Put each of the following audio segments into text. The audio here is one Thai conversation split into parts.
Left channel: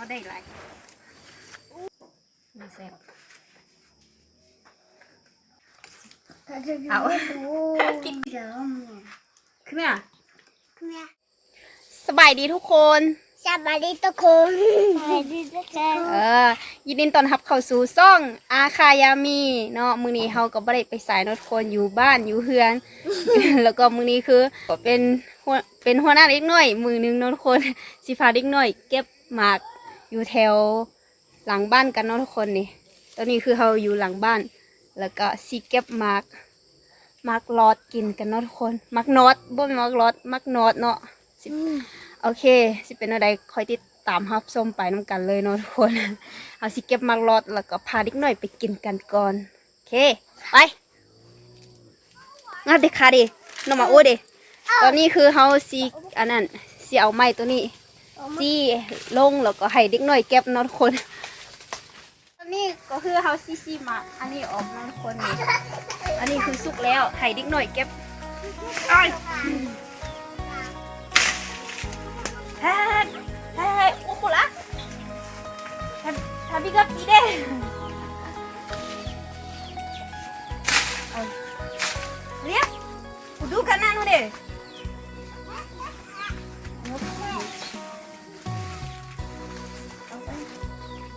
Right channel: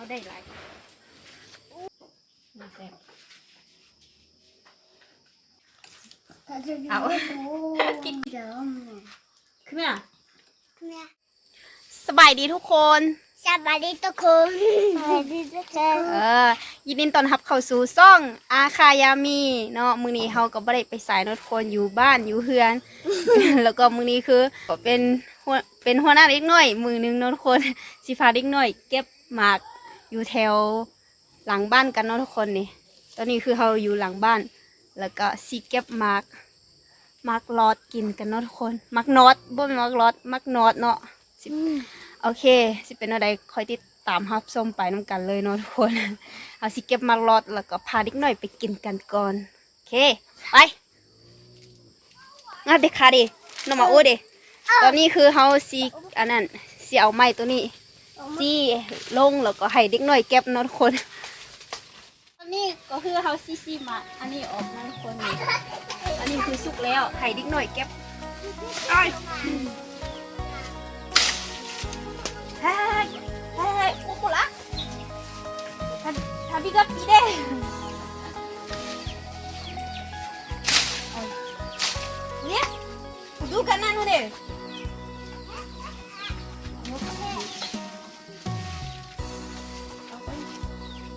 เขาได้หลายมีแซ่บเอากินเดี๋ยวขึ้นมาแม่สบายดีทุกคนสบายดีทุกคนสบายดีทุกคนเออยินดีต้อนรับเข้าสู่ซ่อง อาคายามีเนาะมื้อนี้เฮาก็บ่ได้ไปสายเนาะทุกคนอยู่บ้านอยู่เฮือน แล้วก็มื้อนี้คือก็เป็นหัวเป็นหัวหน้าเด็กน้อย มือหนึงเนาะทุกคนสิพาเด็กน้อย เก็บหมาก อยู่แถวหลังบ้านกันเนาะทุกคนนี่ ตอนนี้คือเฮาอยู่หลังบ้าน แล้วก็สิเก็บหมากหมากลอดกินกันเนาะทุกคนหมากนอดบ่แม่นหมากลอดหมากนอดเนาะสิโอเค สิเป็นอะไรคอยติดตามรับชมไปน้ำกันเลยเนาะทุกคน เอาสิเก็บมารอดแล้วก็พาเด็กหน่อยไปกินกันก่อนโอเคไปงั้นเด็กค่ะดิน้องมาโอ้ดิตอนนี้คือเฮาสิอันนั้นสิเอาไม้ตัวนี้ สิลงแล้วก็ให้เด็กหน่อยเก็บเนาะทุกคนตอนนี้ก็คือเฮาซีซีมาอันนี้ออกเนาะทุกคนนี่อันนี้คือสุกแล้วให้เด็กหน่อยเก็บอ้าย Hei, hei, hei, upo lah. Tadi gak pide. Lihat, udah kan anu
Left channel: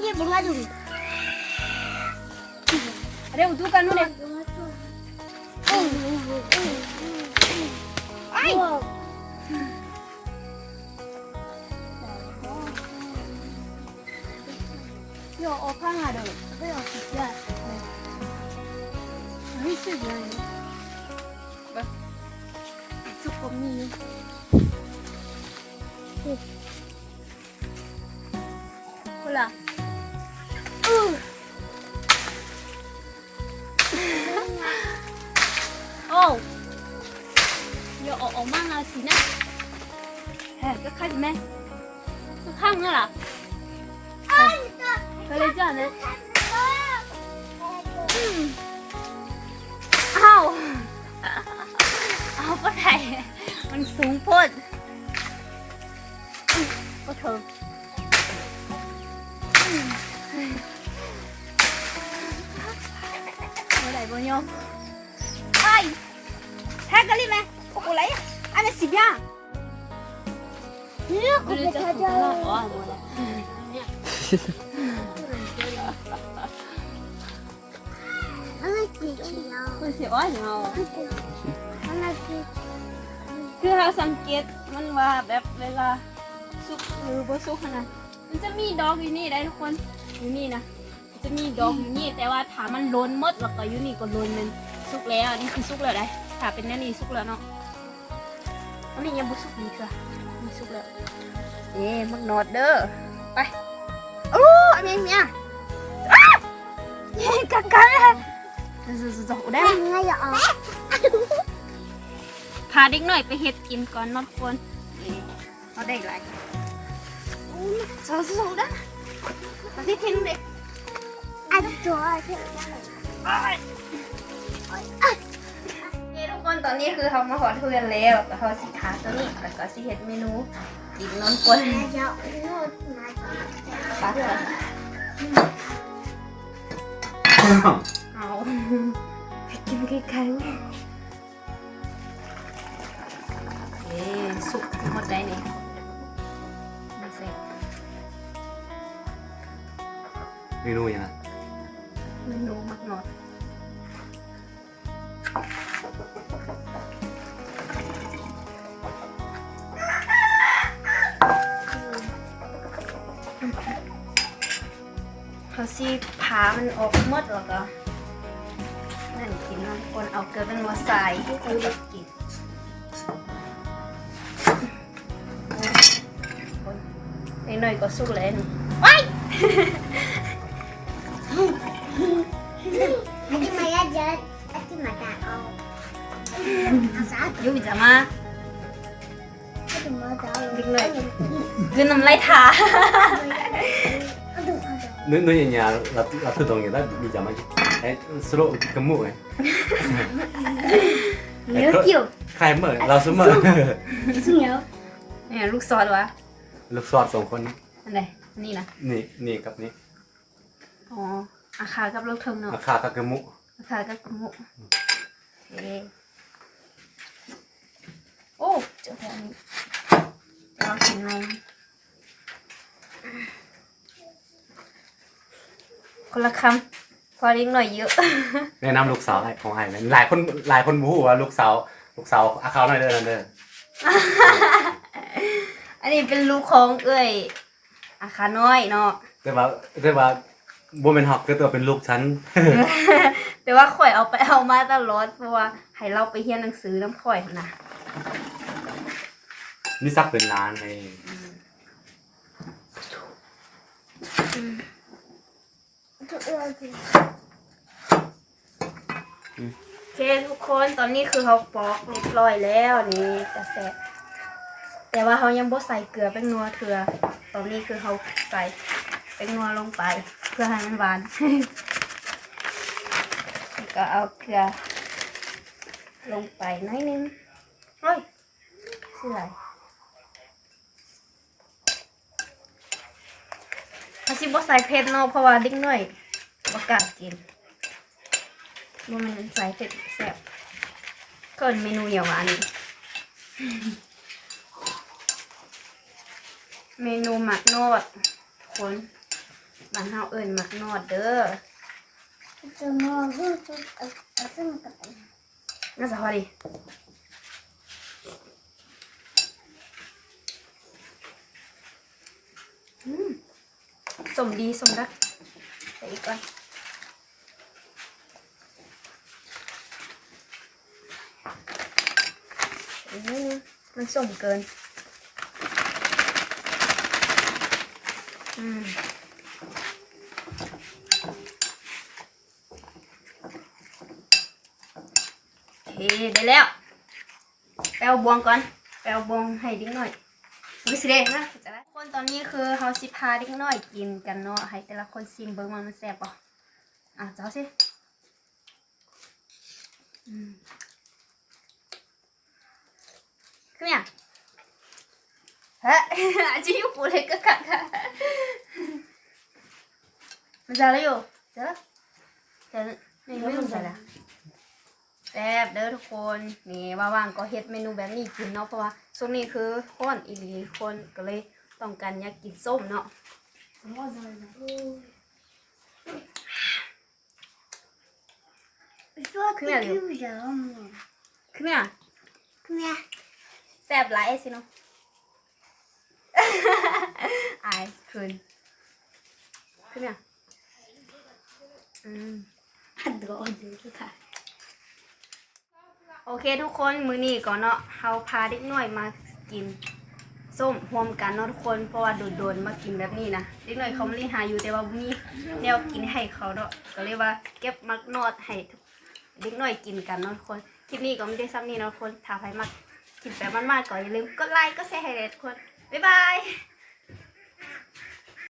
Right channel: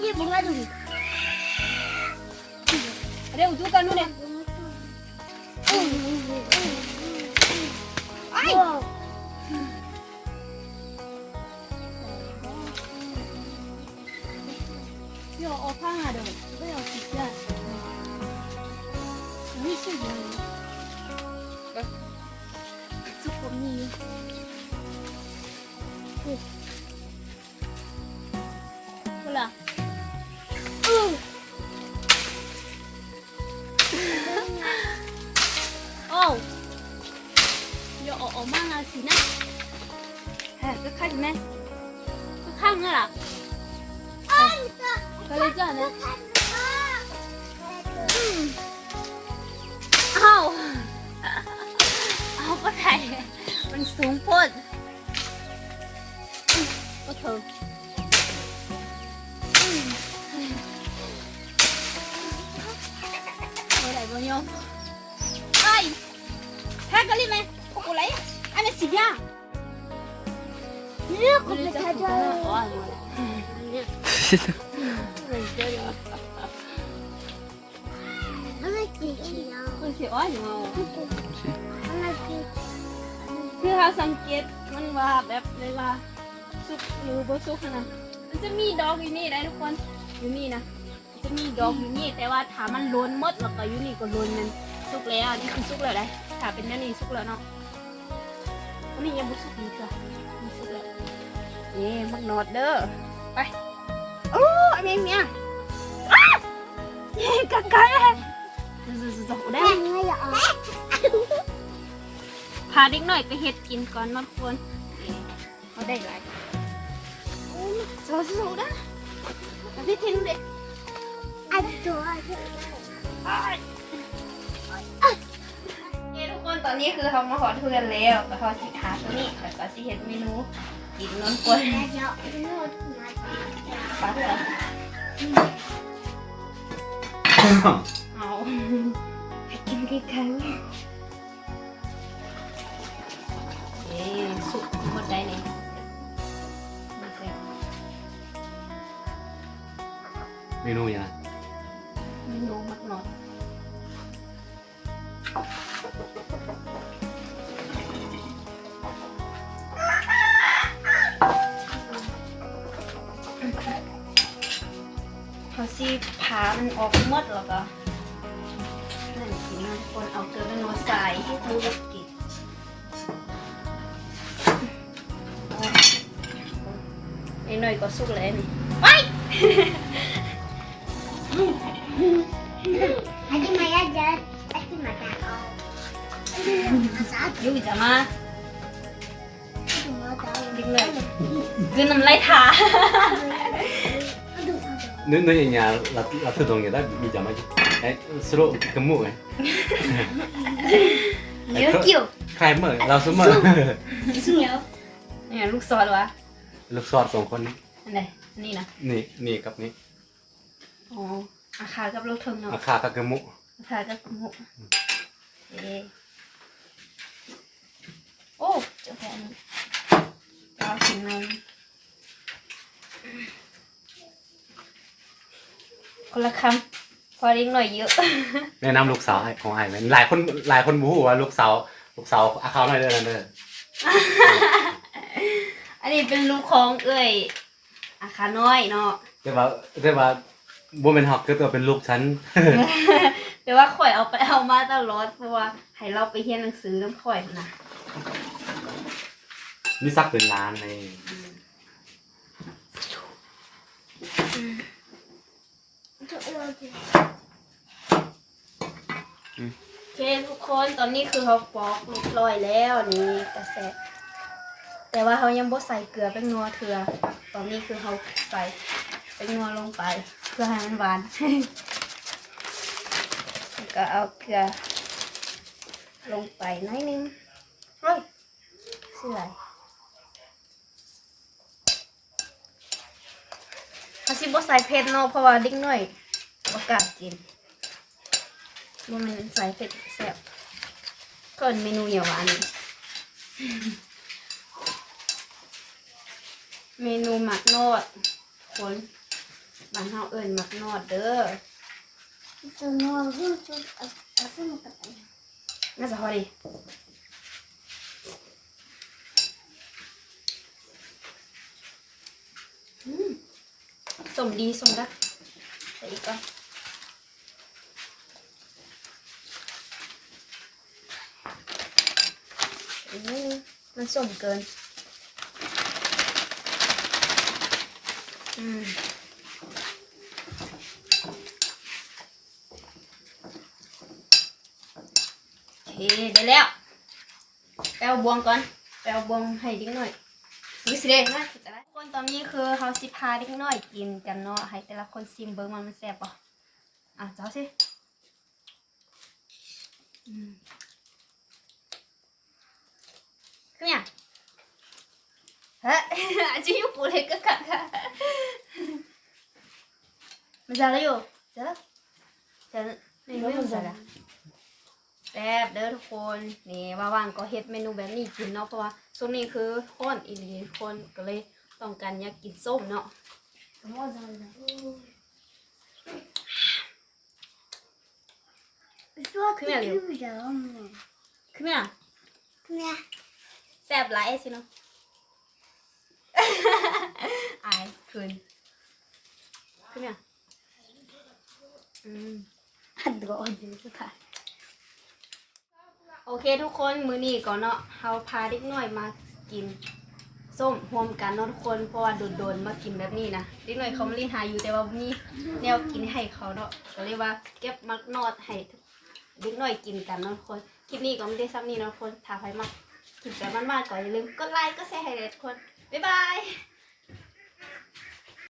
ini bunga dulu. Ada udah kan nune. Ai. Yo, apa ada? Apa yang kita? Ini sih ya. Itu kami. เฮ้ยจะข้างไหมจะข้างไหมล่ะก็เลยจ้านะอืมอ้าวเอาไปไหนมันสูงโพ้นก็เธอเมื่อไหร่บ่ยอมไอ้แท็กกันเลยไหมโอ้โหไรอันนี้สิบย่า คือเราสังเกตมันว่าแบบเวลาสุกหรือบ่สุกขนาดมันจะมีดอกอยู่นี่ได้ทุกคนอยู่นี่นะจะมีดอกอยู่นี่แต่ว่าถ้ามันล้นหมดแล้วก็อยู่นี่ก็ล้นมันสุกแล้วนี่คือสุกแล้วได้ถ้าเป็นแนนี่สุกแล้วเนาะอันนี้ยังบ่สุกดีกค่า มันสุกแล้วนี่มักนอดเด้อไปโอ้เมียเมียนี่กักกันจกได้ง่ายอ่ะพาเด็กหน่อยไปเฮ็ดกินก่อนนะคนเอาได้ไรสูสูด้มาที่ทิ้งเด็กอันตัวอันตัว คนตอนนี้คือเขามาขอทุเรียนแล้วแล้วเขาสิขาตัวนี้แล้วก็สิเห็ดเมนูกินน้อนกวนปัดเลยเอาไปกินกี่ครั้งเย้สุกหมดได้เนี่ยเมนูยังเมนูมากเน่อย เขาสิผามันออกหมดแล้วก็นั่นกินเนาะคนเอาเกลือเป็นหัวใส่ให้คนเล็กกินโอ้คนไป นิดหน่อยก็สุกเลยนี่ว้าย Hadi Maya jangan Hadi mata kau. Asal ยูจะมา Hadi mau tahu. นิดหน่อยคือน้ำลายทา Aduh, aduh. Nếu nếu nhà là là thứ đồng người ta bị giảm ấy. Đấy, solo cái mũ ấy. เนื้อเกี่ยว Khai mở, lao xuống mở. Sinyal. เนี่ยลูกซอสวะ Lục xoạt sòng con. อันไหนอันนี้นะ Nì, nì cặp nì. อ๋ออาคากับลูกเทิงเนาะ À, khá các cái mũ. อาคากับกระหมูโอเคโอ้เจ้าแพนเรากินนม คนละคำพอดิ้งหน่อยเยอะ แนะนำลูกสาวให้ของไอ้นะหลายคนหลายคนบู๊ว่าลูกสาวลูกสาวอาเขาหน่อยเด้อนั่นเด้ออันนี้เป็นลูกของเอ้ยอาคาน้อยเนาะเรียกว่าเรียกว่าบัวเป็นหอกคือตัวเป็นลูกฉัน แต่ว่าข่อยเอาไปเอามาตลอดเพราะว่าให้เราไปเรียนหนังสือน้ำข่อยนะ มีซักเป็นล้านเลย โอเคทุกคนตอนนี้คือเขาปอกเรียบร้อยแล้วนี่กระแสแต่ว่าเขายังบ่ใส่เกลือแป้งนัวเถือตอนนี้คือเขาใส่แป้งนัวลงไป เพื่อให้มันหวานแล้วก็เอาเกลือ ลงไปน้อยนึงเฮ้ยชื่ออะไรเขาสิบ่ใส่เผ็ดเนาะเพราะว่าเด็กน้อย บ่กล้ากินว่ามันใส่เผ็ดแซ่บเป็นเมนูเหี่ยวหวานีเมนูหมักนอดทุกคนบานเฮาเอิญหมักนอดเด้อ Itu mau gitu. Aku mau kata. น่าจะพอดีสมดีสมดักใส่อีกก่อน อีกนิดนึงมันสมเกิน อืมโอเคได้แล้วแปลบวงก่อน แปลบวงให้ดิ้งหน่อยวิสิเดนะจะได้คนตอนนี้คือเฮาสิพาดิ้งหน่อยกินกันเนาะให้แต่ละคนซิมเบิ้งว่ามันแซ่บป่ะอะเจ้าสิอืม ขึ้นยังฮะอาจจะอยู่ปูเลยก็กัดค่ะมันจะอะไรอยู่เจ้าเจ้าไม่ไม่รู้จะอะไรแซ่บเด้อทุกคนนี่ว่างๆก็เฮ็ดเมนูแบบนี้กินเนาะเพราะว่าช่วงนี้คือค้อนอีหลีคนก็เลยต้องการอยากกินส้มเนาะ Mau tahu. Itu aku Kenal, Leo? juga. คือเนี่ย Kenal. แซ่บหลายสิเนาะอายคืนคือเนี่ยอืม Aduh, aduh. ค่ะ โอเคทุกคนมื้อนี้ก่อนเนาะเฮาพาเด็กน้อยมากินส้มรวมกันเนาะทุกคนเพราะว่าโดนๆมากินแบบนี้นะเด็กน้อยเขามาเรียนหาอยู่แต่ว่าบ่มีแนวกินให้เขาเนาะก็เลยว่าเก็บมักนอดให้ทุกเด็กน้อยกินกันเนาะทุกคนคลิปนี้ก็ไม่ได้ซ้ำนี้เนาะทุกคนถ้าใครมัก คลิปแบบมันๆก่อนอย่าลืมกดไลค์กดแชร์ให้ทุกคน บ๊ายบาย